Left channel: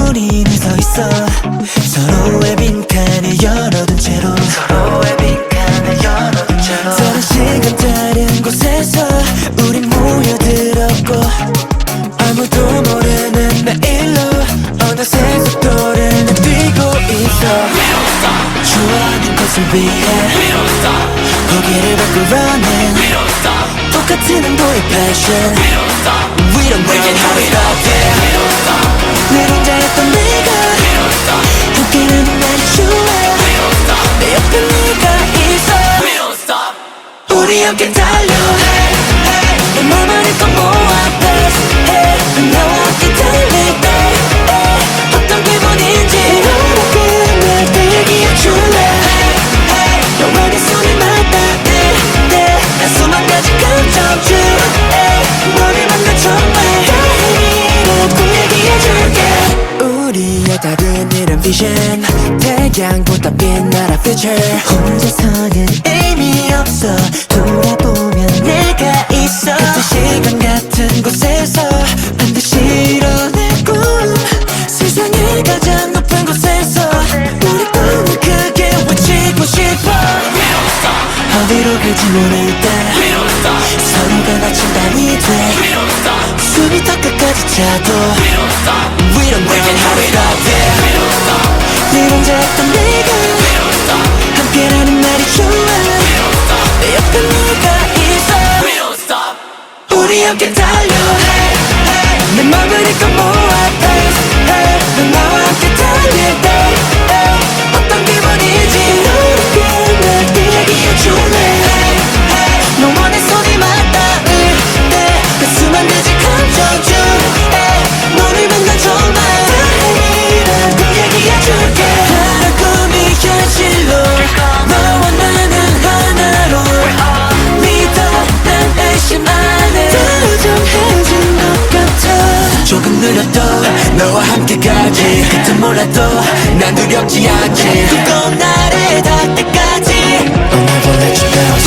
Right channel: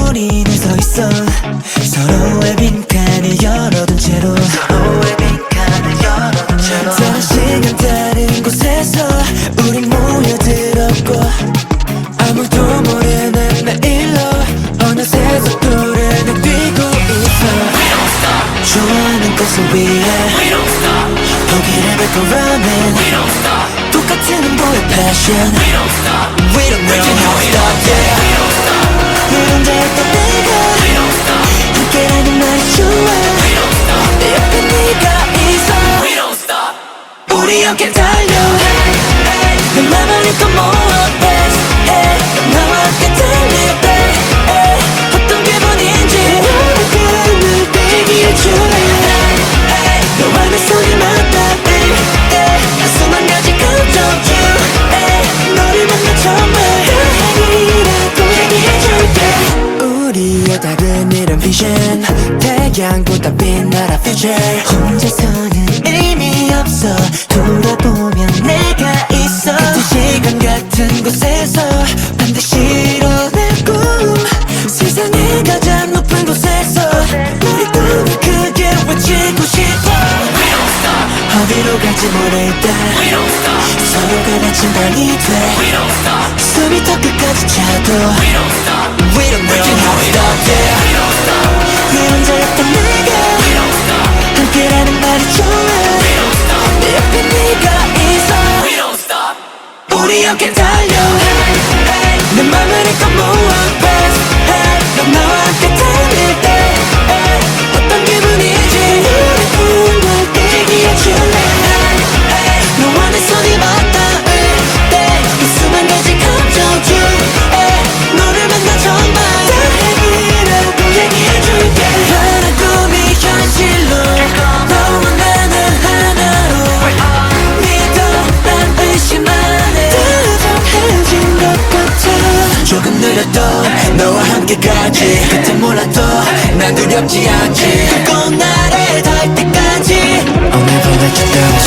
우리는 서 있어 서로의 빈칸을 열어둔 채로 다른 시간 다른 곳에서 우린 모여들었고 아무도 모르는 내일로 어느새 속도를 내뛰고 있어 좋아하는 것을 위해 포기를 밟고 running 똑같은 온도의 passion We don't know how to stop yeah 늘 혼자였던 내가 함께라는 날이 좋아 내 옆에 네가 있어 우리 함께 달려 내 맘을 힘껏 모아 best hey 난 나와 함께 달릴 때 어떤 기분인지 날 대기해줄래 너와 내 손이 맞닿을 때 난 수만 가지 감정 중 너를 만나 정말 다행이라고 얘기해줄게 우리의 다른 이런 vision 태양보다 빛나라 future 혼자서는 의미 없어 돌아보면 내가 있어 같은 시간 같은 곳에서 반드시 이뤄낼 꿈 세상의 가장 높은 곳에서 우리 꿈을 크게 외치고 싶어 어디로 갈지 모를 때 서로가 다친 밤이 돼 숨이 더 끝까지 차도 We don't know how to stop yeah 늘 혼자였던 내가 함께라는 말이 좋아 내 옆에 네가 있어 우리 함께 달려 내 맘을 힘껏 모아 best hey 넌 나와 함께 달릴 때 어떤 기분이지 날 대기해줄래 너와 내 손이 맞닿을 때그 수만 가지 감정 중에 너를 만나 정말 다행이라고 얘기해줄게 하나 꿈이 현실로 너와 나는 하나로 믿어 난 의심 안해 다정해진 것 같아 조금 느려도 너와 함께 가지 끝은 몰라도 난 두렵지 않지 두꺼운 날에 닿을 때까지 I'll never let you down